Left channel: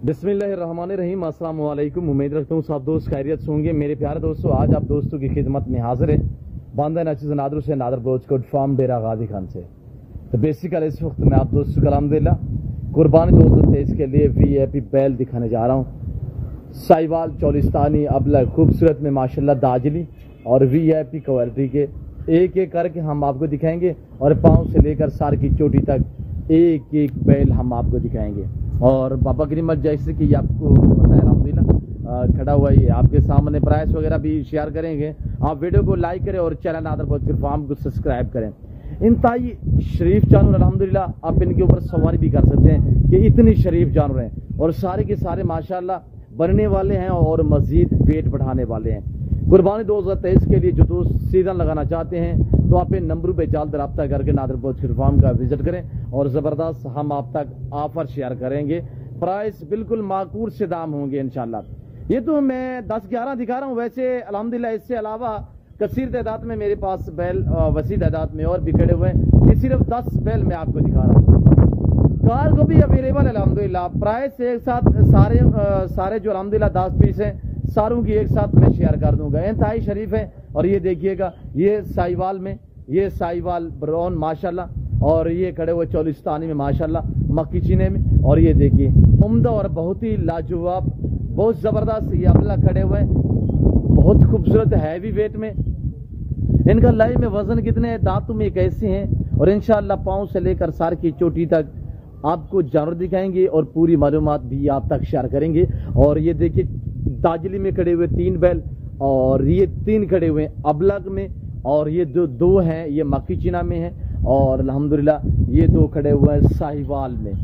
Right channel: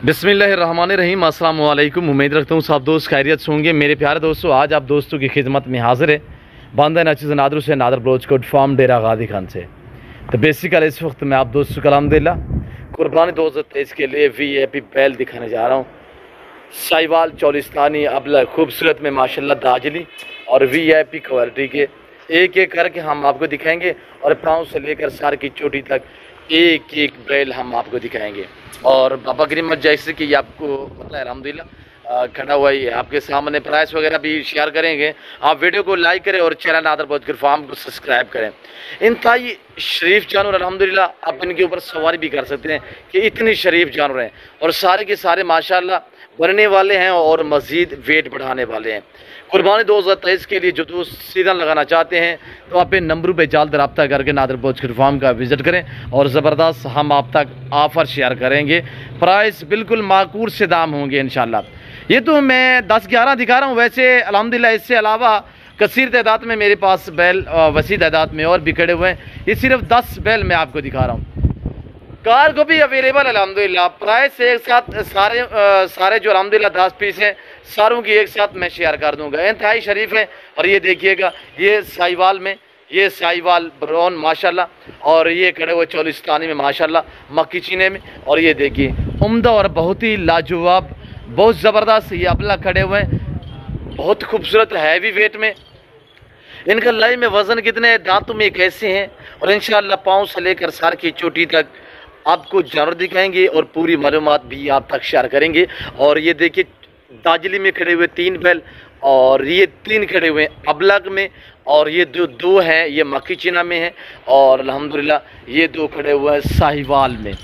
बिस्मिल्लाहिर्रहमानिर्रहीम, अस्सलाम वालेकुम। उम्मीद रखता हूँ सब दोस्त खैरियत से होंगे। मेरे प्यारे दोस्तों, आज आप दोस्तों की खिदमत में हाजिर है बांदा नाचिज़ नादर से नादर ब्रोचकोट फार्म डेरा गादी खान से। तो बेसिकली इस वक्त मैं आप दोस्तों को अल्हम्दुलिल्लाह कुर्बानी 2023 के लिए VIP बैल दिखाने जा रहा हूँ। साहिवाल चौलिस्तानी अबला खूबसूरत में माशाल्लाह दाजली और VIP क्वालिटी के एक एक करके हम आपको दिखाएंगे और पाँव से लेकर सर की चोटी तक एक एक बैल हम आपको दिखाएंगे। और बाबा करीम जैसे कि आपको पता है अल्हम्दुलिल्लाह खड़ा हुआ ही है आपके सामने, प्राइस वगैरह भी शेयर करेंगे। आप वीडियो को लाइक करें और चैनल नादर ब्रोचकोट फार्म को सब्सक्राइब करें। इंतहाई शरीफ जानवर अल्हम्दुलिल्लाह, आप इनके ऊपर सवारी भी कर सकते हैं कि इतनी शरीफ जानवर हैं और सारे के सारे माशाल्लाह बनने वाले हैं और मज़ीद वेट बढ़ाने वाले हैं। कुर्बानी 2023 के लिए जो दोस्त सीजन लगाना चाहते हैं तो आप इन नंबरों पे जल्द रब्ता करके नादर ब्रोचकोट फार्म का विज़िट करें और ज़बरदस्त हम आप तक ऑफ़र शेयर करेंगे। प्राइस बिल्कुल माकूल से दाम होंगे इंशाल्लाह। ये तो मैं 10-11 दिखा रहा हूँ, वैसे अल्हम्दुलिल्लाह इससे अलावा कसीर तादाद में मेरे पास बैल वसी तादाद में और भी खड़े हुए हैं। ये सिर्फ 10 बैल मैं आपको दिखा रहा हूँ। कार को भी अवेलेबल अल्हम्दुलिल्लाह। प्राइस एक साथ सारे जो अल्हम्दुलिल्लाह 10 पीस हैं सारों की एक साथ मैं शेयर कर दूंगा। इंतहाई शरीफ है। और ये देखिएगा, ये साहिवाल में, ये साहिवाल ब्राउन माशाल्लाह, और ये खड़े हुए चौलिस्तानी में माशाल्लाह मक्की चीने में। और ये देखिए उम्दा और बहुत ही लाजवाब, बहुत ज़बरदस्त ये अबला खड़े हुए हैं, बहुत खूबसूरत हैवी वेट में। इनका लाई में वज़न कितने, दांतों में कैसे हैं, और इंशाल्लाह पाँव से लेकर सर की चोटी तक आपको जानवर दिखाएंगे और पूरी मालूमात भी आप तक शेयर करेंगे। और ये देखिए दाजली में खड़े हुए 3 बैल, और ये 3 खड़े हुए अबलग में, और ये जो 2 हैं ये मक्की चीना में हैं, और अल्हम्दुलिल्लाह ये 2 खड़े हुए हैं साहिवाल में।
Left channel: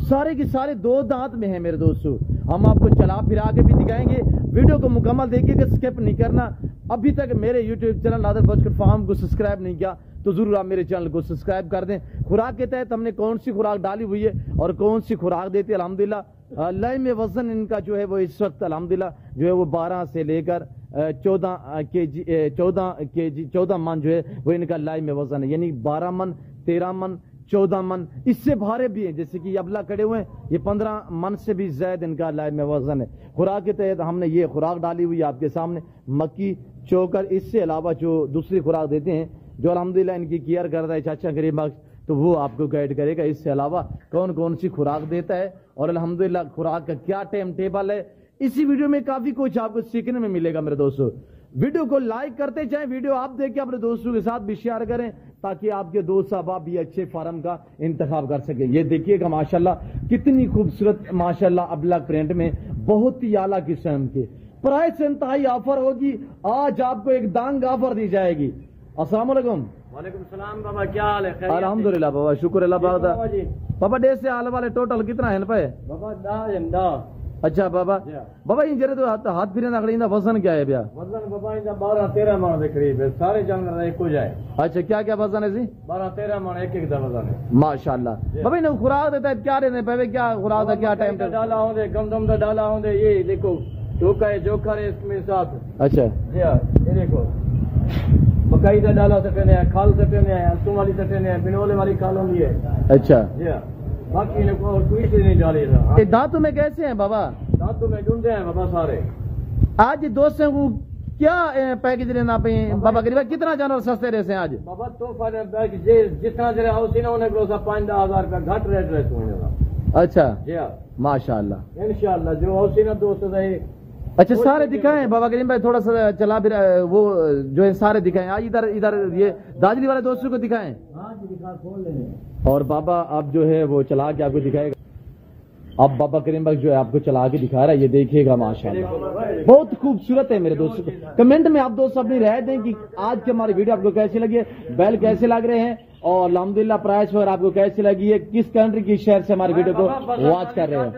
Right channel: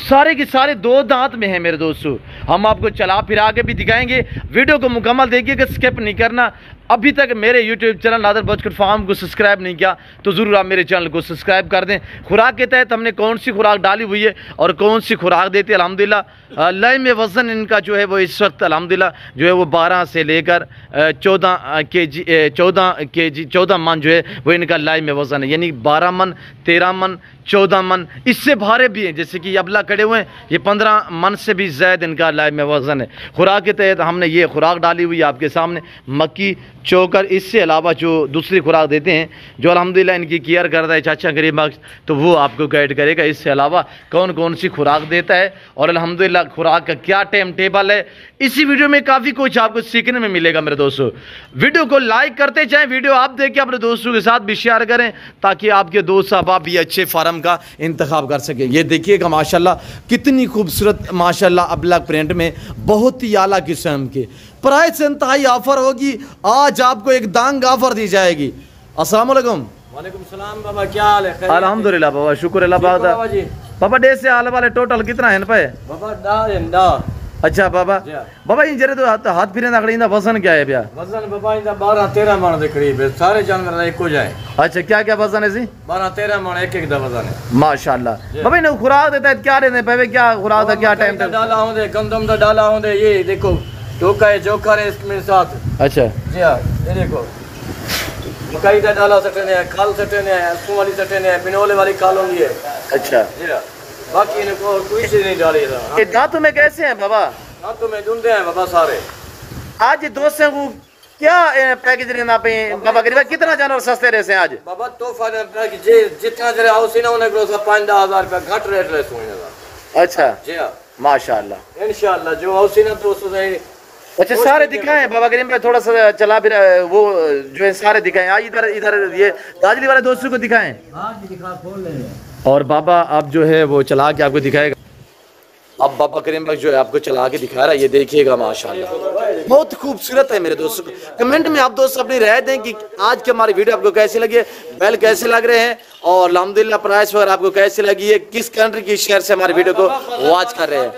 सारे के सारे 2 दांत में हैं मेरे दोस्तों। हम आपको चला फिरा के भी दिखाएंगे। वीडियो को मुकम्मल देखिएगा, स्किप नहीं करना। अभी तक मेरे YouTube चैनल नादर ब्रोचकोट फार्म को सब्सक्राइब नहीं किया तो ज़रूर आप मेरे चैनल को सब्सक्राइब कर दें। खुराक के तहत हमने कौन सी खुराक डाली हुई है और कौन सी खुराक देते हैं अल्हम्दुलिल्लाह। लय में वज़न इनका जो है वो इस वक्त अल्हम्दुलिल्लाह जो है वो 12 से लेकर 14 मन जो है वो इनका लय में वज़न है, यानी 12 मन, 13 मन, 14 मन, इससे भारे भी हैं। जैसे कि ये अबला खड़े हुए हैं, ये 15 मन से भी ज़्यादा इनका लाइव में वज़न है। खुराक के तहत हमने ये खुराक डाली हुई है आपके सामने, मक्की चोकर। इससे अलावा जो दूसरी खुराक देते हैं जो अल्हम्दुलिल्लाह इनकी केयर करता है चाचा गरीब बख्श, तो वो आपको गाइड करेगा इससे अलावा कौन कौन सी खुराक देता है और अल्हम्दुलिल्लाह खुराक का क्या टाइम टेबल है। इसी वीडियो में काफ़ी कुछ आपको सीखने में मिलेगा मेरे दोस्तों। वीडियो को लाइक करते जाएँ, वीडियो आप देख के अपने दोस्तों के साथ भी शेयर करें ताकि आपके दोस्त अहबाब भी अच्छे फार्म का इंतखाब कर सके। ये देखिएगा माशाल्लाह कितनी खूबसूरत माशाल्लाह अबलग प्रिंट में, बहुत ही आला किस्म के। प्राइस इंतहाई ऑफर होगी, आज आपको एक दांग ऑफर दी जाएगी। अस्सलाम वालेकुम। वालेकुम सलाम बाबा, क्या हाल है? अल्हम्दुलिल्लाह बाबा, शुक्र अल्लाह बाबा। डे से आने वाले टोटल कितना है पे बाबा? अच्छा बाबा, बाबा इन जरे तो हाथ फिरे नकड़ी इंदा वजन क्या है भैया? वजन बाबा इंदा 12-13 मन के करीब है, सारे जानवर एक हो जाए। अच्छा, क्या क्या वजन है जी? 12-13 मन एक दा वजन है माशाल्लाह। बाबा इन्हें खुराक देता है क्या देते हैं, क्या खुराक था, क्या टाइम डाला होंगे, गंदम दा डाला होंगे। ये देखो टोका है, जोकर है इसके साथ। अच्छा जी हाँ, ये देखो मकई का डाला सटने है, खाल सटने है, असू वाली सटने है, बिनोले वाली खाल होंगी है। अच्छा जी हाँ, बाकी इनको कोई चीज नहीं डाली। ये दांतों में कैसे हैं बाबा? दांतों में डूंढे हैं बाबा सारे। आज ये दोस्तों को क्या पैकेज लेना पे बाबा करीब कितना जानवर सस्ते रहे हैं आज? बाबा तोहफा जितना जरा हाउस ना होने को 5-10 रुपया घट रेट रहे सुन। अच्छा जी हाँ, माशाल्लाह इंशाल्लाह जो हाउस ना दोस्तों। अच्छा सारे दिखाएं बाबा करीम भाई, थोड़ा सा चला फिर वो जो है सारे दिखाएं। आज इधर ये दाजली वाले दोस्तों को दिखाएं। हाँ जी दिखा, खोल ले। और बाबा आप जो है वो चला के आपको दिखाएगा। अब बाबा करीम भाई जो है आपको चला के दिखा रहा है, ये देखिएगा माशाल्लाह बहुत खूबसूरत है मेरे दोस्तों। कमेंट में आप दोस्त अपनी राय दें कि आज की हमारी वीडियो आपको कैसी लगी है, बैल कैसे लग रहे हैं, और अल्हम्दुलिल्लाह प्राइस वगैरह आपको कैसी लगी है, किस कंट्री की शहर से हमारी वीडियो को वॉच कर रहे हैं।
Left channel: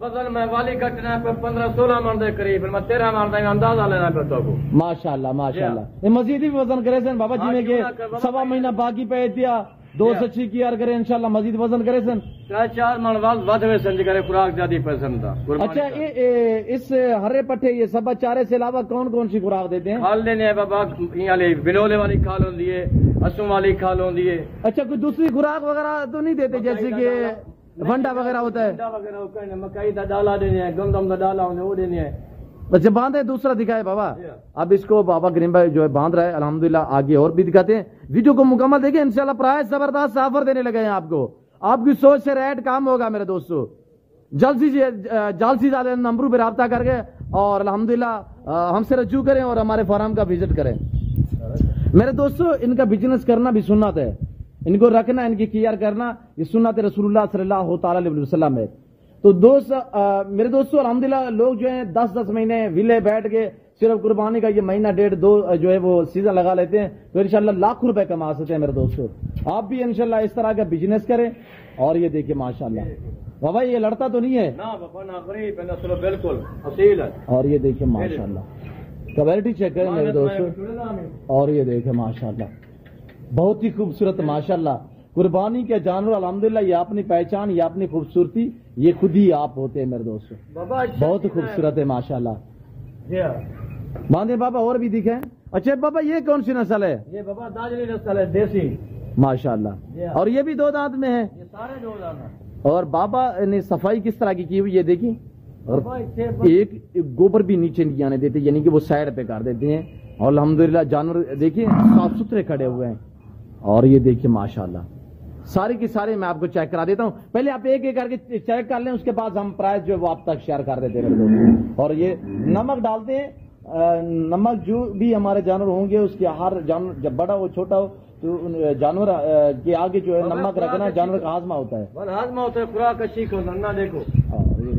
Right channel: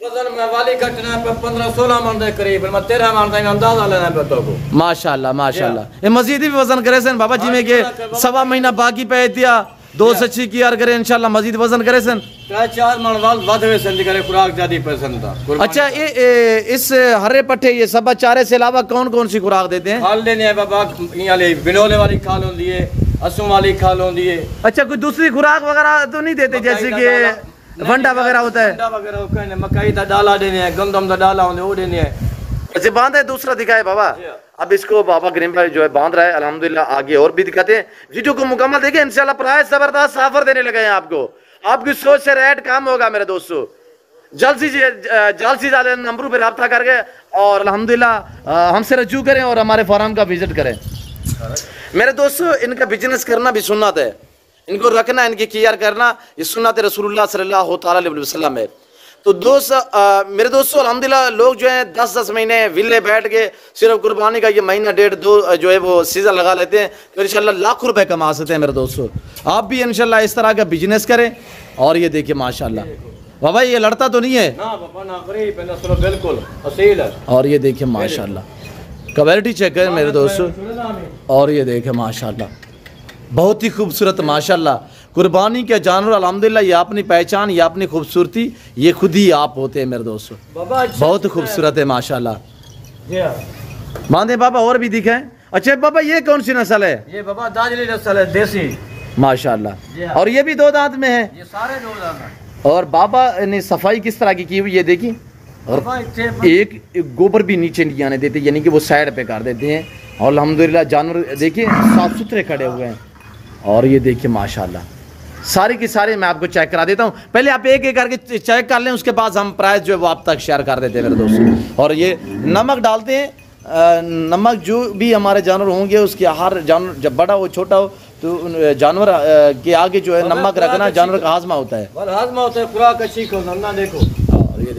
वजन में वाली घटना पे 15-16 मन के करीब, 13 मन का अंदाजा लेना पे तो को। माशाल्लाह माशाल्लाह। ये मजीद भी वजन करे सन बाबा जी में के 1.25 महीना बाकी पे दिया 2 से 6 की यार करे इंशाल्लाह मजीद वजन करे सन 4 मन वाल वादवे सन करे खुराक ज्यादा पसंद था। अच्छा ये इस हरे पट्टे ये सब चारे से अलावा कौन कौन सी खुराक देते हैं? खाल देने है बाबा, ये बिनोले वाली खाल होती है, असू वाली खाल होती है। अच्छा कोई दूसरी खुराक वगैरह तो नहीं देते जैसे कि वंडा वगैरह होता है, वंडा वगैरह होता है, मकई का डाला देने हैं, गंदम का डाला होने वो देने हैं। अच्छा बांधा है, दूसरा दिखाए बाबा। अब इसको बाबा करीम भाई जो है बांध रहा है अल्हम्दुलिल्लाह। आगे और भी दिखाते हैं, वीडियो को मुकम्मल देखिए, इंशाल्लाह प्राइस जबरदस्त ऑफर देने लगे हैं आपको। आपकी सोच से रेट काम होगा मेरे दोस्तों। जल्द से ज़्यादा नंबरों पर रब्ता करके और अल्हम्दुलिल्लाह हमसे रजू करें और हमारे फार्म का विजिट करें। मेरे दोस्तों इनका बिजनेस करना भी सुन्नत है, इनको रखना, इनकी केयर करना ये सुन्नत रसूलुल्लाह सल्लल्लाहु अलैहि वसल्लम है। तो मेरे दोस्तों अल्हम्दुलिल्लाह लोग जो है 10-10 महीने विले बैठ के सिर्फ कुर्बानी का ये महीना डेढ़ दो जो है वो सीज़न लगा लेते हैं, तो इंशाल्लाह लाखों रुपए कमा सकते हैं मेरे दोस्तों। आप भी इंशाल्लाह इस तरह का बिजनेस करें। और ये देखिए माशाल्लाह बाबा ये लड़ता तो नहीं है ना बाबा, ना गरीब है ना, चलो बिल्कुल असील है। और ये देखिए माशाल्लाह क्वालिटी चेक करें मेरे दोस्तों। और ये देखिए माशाल्लाह बहुत ही खूबसूरत माशाल्लाह कुर्बानी के जानवर अल्हम्दुलिल्लाह। ये अपनी पहचान, ये अपनी खूबसूरती, ये खुद ही आप होते हैं मेरे दोस्तों। बहुत खूबसूरत है माशाल्लाह। बांधे बाबा और भी दिखाएं। अच्छा बाबा ये कौन सी नस्ल है? ये बाबा दाजली नस्ल है, देसी माशाल्लाह। और ये भी 2 दांत में है? ये सारे 2 दांत हैं। और बाबा ने सफाई किस तरह की हुई ये देखिए। और एक गोबर भी नीचे नहीं आने देते, यानी कि वो साइड पे कर देते हैं। और अल्हम्दुलिल्लाह जानवर देखिए साफ सुथरे खड़े हुए हैं। और ये देखिए माशाल्लाह सारे के सारे मैं आपको चेक करा देता हूँ। पहले आप एक एक करके चेक कर लें, उसके बाद हम प्राइस जो है वो आप तक शेयर कर देते हैं मेरे दोस्तों। और ये नमक डालते हैं, नमक जो भी हमारे जानवर होंगे उसके हर जानवर जब बड़ा हो छोटा हो तो जानवर के आगे जो है नमक रखना जानवर का हाजमा होता है। हाजमा होता है, खुराक अच्छी ना देखो। और ये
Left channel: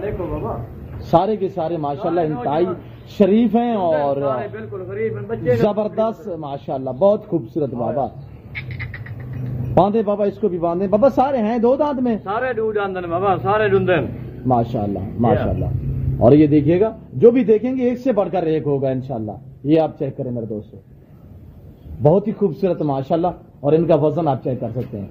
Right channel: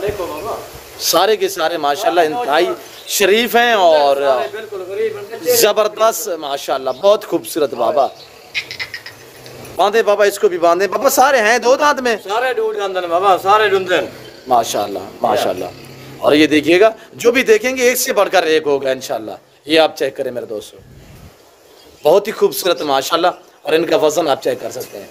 देखो बाबा सारे के सारे माशाल्लाह इंतहाई शरीफ हैं और जबरदस्त माशाल्लाह बहुत खूबसूरत। बाबा बांधे बाबा, इसको भी बांधे बाबा। सारे हैं 2 दांत में? सारे 2 दांत हैं बाबा, सारे डूंदन माशाल्लाह माशाल्लाह। और ये देखिएगा जो भी देखेंगे एक से बढ़कर एक होगा इंशाल्लाह। ये आप चेक करें मेरे दोस्तों, बहुत ही खूबसूरत माशाल्लाह। और इनका वजन आप चेक कर सकते हैं,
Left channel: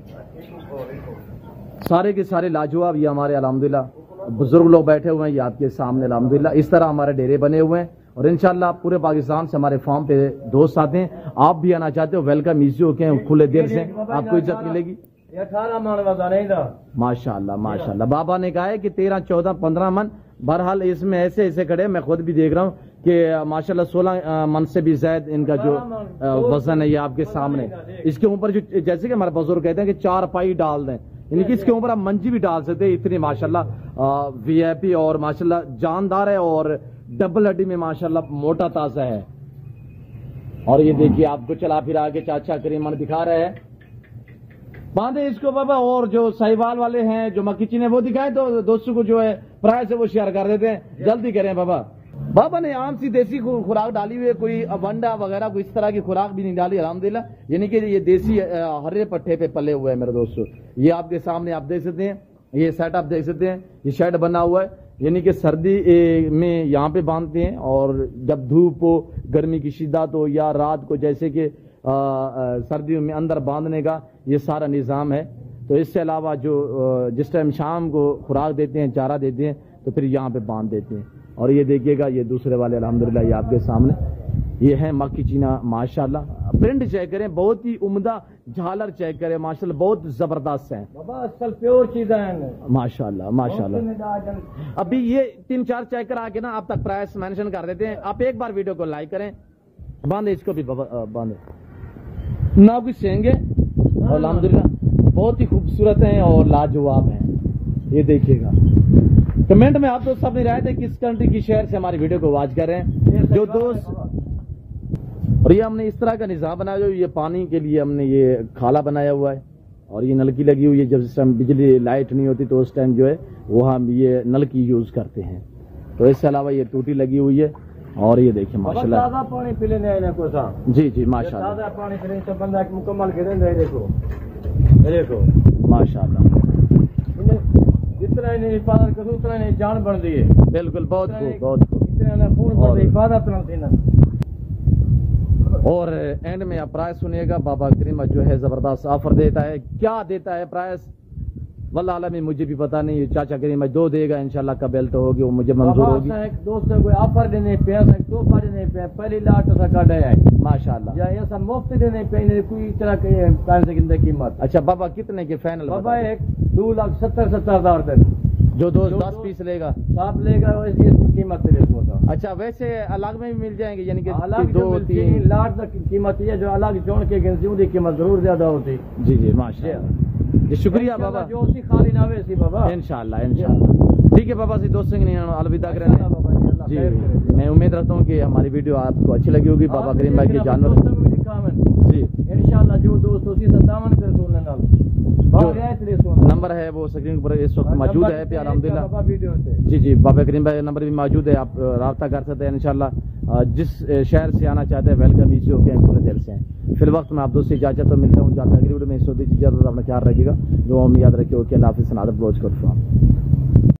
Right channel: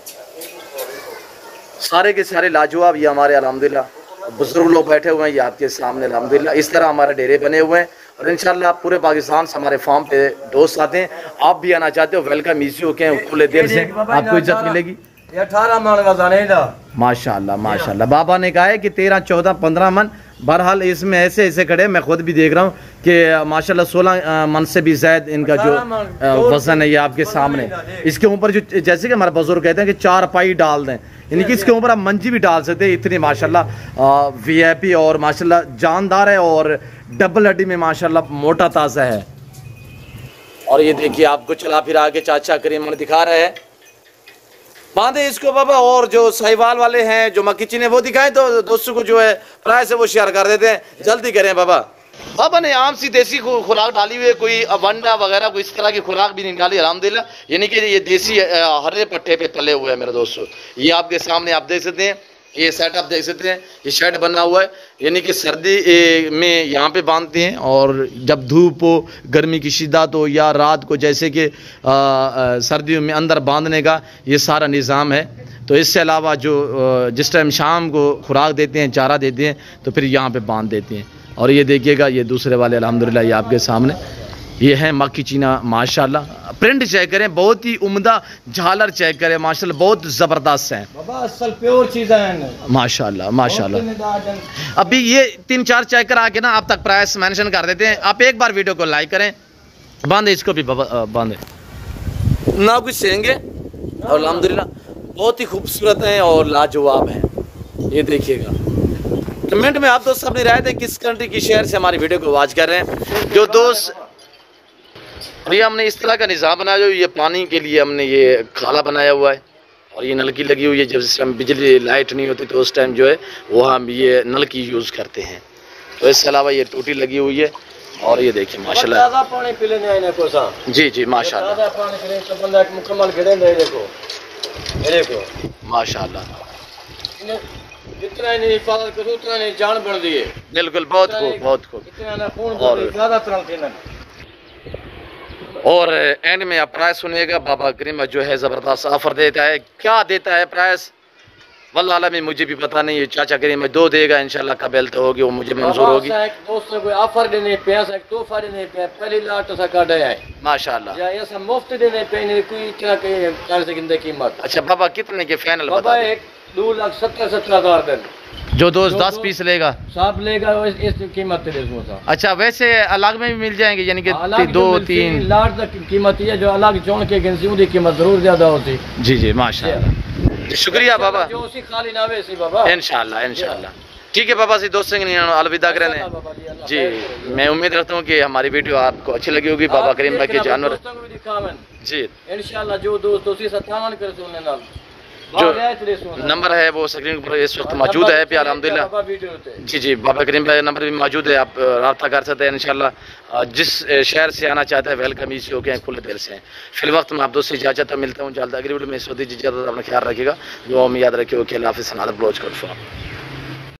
सारे के सारे लाजवाब। ये हमारे अल्हम्दुलिल्लाह बुजुर्ग लोग बैठे हुए हैं, ये आपके सामने अल्हम्दुलिल्लाह इस तरह हमारे डेरे बने हुए हैं। और इंशाल्लाह पूरे पाकिस्तान से हमारे फार्म पे दोस्त आते हैं। आप भी आना चाहते हो वेलकम इजी होके खुले दिल से, आपको इज्जत मिलेगी। 18 मन वजन है माशाल्लाह माशाल्लाह। बाबा ने कहा है कि 13, 14, 15 मन। बहरहाल इसमें ऐसे ऐसे खड़े, मैं खुद भी देख रहा हूँ कि माशाल्लाह 16 मन से भी ज़्यादा इनका जो वजन है ये आपके सामने। इसके ऊपर जो जैसे कि हमारे बुजुर्ग कहते हैं कि 4 पाई डाल दें, यानी कि इसके ऊपर आप मंजी भी डाल सकते हैं। इतनी माशाल्लाह VIP और माशाल्लाह जानदार है और डबल हड्डी में माशाल्लाह मोटा ताज़ा है। और ये देखिए आपको चला फिरा के चाचा करीम दिखा रहे हैं। बांधे इसको बाबा। और जो साहिवाल वाले हैं जो मक्की चीने वो दिखाएं तो दोस्तों को जो है प्राइस है वो शेयर कर देते हैं। जल्दी करें बाबा। बाबा ने आम सी देसी खुराक डाली हुई है, कोई वंडा वगैरह कोई इस तरह की खुराक भी नहीं डाली अल्हम्दुलिल्लाह। यानी कि ये देसी हरे पट्टे पे पले हुए हैं मेरे दोस्तों। ये आपके सामने आप देख सकते हैं, ये सेटअप देख सकते हैं, ये शेड बना हुआ है। यानी कि सर्दी में यहाँ पे बांधते हैं और जब धूप हो, गर्मी की शिद्दत हो या रात को जैसे कि सर्दियों में अंदर बांधने का ये सारा निज़ाम है। तो इससे अलावा जो जिस टाइम शाम को खुराक देते हैं, चारा देते हैं, तो फिर यहाँ पे बांध देते हैं। और ये देखिएगा ये दूसरे वाले अल्हम्दुलिल्लाह ये आपके सामने ये है मक्की चीना माशाल्लाह। प्रिंट चेक करें, बहुत ही उम्दा झालर चेक करें माशाल्लाह, बहुत ज़बरदस्त हैं बाबा, असल प्योर चीज़ है माशाल्लाह माशाल्लाह। अभी ये 3-4 चेक करा के ना आप तक प्राइस मेंशन कर देते हैं। आप एक बार वीडियो को लाइक करें। बांधे इसको भी बांधे ना कुछ सेंगे। और अल्हम्दुलिल्लाह बहुत ही खूबसूरत हैं और लाजवाब हैं। ये देखिएगा। कमेंट में आप दोस्त अपनी राय दें किस कंट्री की शहर से हमारी वीडियो को वॉच कर रहे हैं जो दोस्त। और ये हमने इस तरह का निज़ाम बनाया जो ये पानी के लिए हमने ये खाला बनाया हुआ है और ये नलकी लगी हुई है। जब इस टाइम बिजली लाइट नहीं होती तो उस टाइम जो है वो हम ये नलकी यूज़ करते हैं। तो इसके अलावा ये टूटी लगी हुई है। और ये देखिए माशाल्लाह पानी पी लेने आए को सा। जी जी माशाल्लाह पानी पीने से बंदा मुकम्मल खड़े रहे। देखो माशाल्लाह जितना नहीं हिफाजत करो उतना नहीं जान बढ़ दी है। बिल्कुल बहुत खूब बहुत खूब। इतना ना पूर्ण हिफाजत रखते ना। और एंड में आप प्राइस सुनिएगा। बाबा करीम जो है ज़बरदस्त ऑफर देता है। क्या देता है प्राइस? वल्लाह आला में मुझे भी पता नहीं है चाचा करीम में दो देगा इंशाल्लाह कबल तो होगी वो मुझे मंजूर होगी दोस्तों कोई ऑफर देने पे ऐसा तोहफा देने पे पहली लाट सा काटा है माशाल्लाह या ऐसा मुफ्त देने पे नहीं कोई इतना के कान से गिनते कीमत। अच्छा बाबा कितने के फाइनल बाबा एक 2,70,000 दिन जो दोस्त 10 पीस लेगा साहब लेगा इस कीमत है इसमें। अच्छा वैसे अलग में भी मिल जाएंगे यानी कि 2-3 लाट तक कीमत है जो अलग चुन के गिनसी उनकी कीमत जरूर ज्यादा होती। जी जी माशाल्लाह जी शुक्रिया बाबा जो उसी खाली ना वैसी बाबा इंशाल्लाह इंशाल्लाह ठीक है बाबा जी दोस्तों के अलविदा करें जी। मैं उम्मीद रखता हूँ कि हमारी वीडियो आपको अच्छी लगी होगी बाबा करीम भाई के जानवर जी इंशाल्लाह जो दोस्त उसी से तामन कर सुनने नाल जो नंबर है वो स्क्रीन पर इस वक्त मौजूद है पे अल्हम्दुलिल्लाह जी जी बाबा करीम भाई नंबर भी मौजूद है आप रब्ता कर सकते हैं इंशाल्लाह जिस शहर से आना चाहते हैं वेलकम इजी हो गया खुले दिल से फिर वक्त मैं आप दोस्त से इजाज़त तो मिलता हूँ जल्द अगली वीडियो में इस वक्त इजाज़त अपना ख्याल रखिएगा जो हम याद रखिए कि अल्लाह हाफ़िज़ नादर ब्लोच कर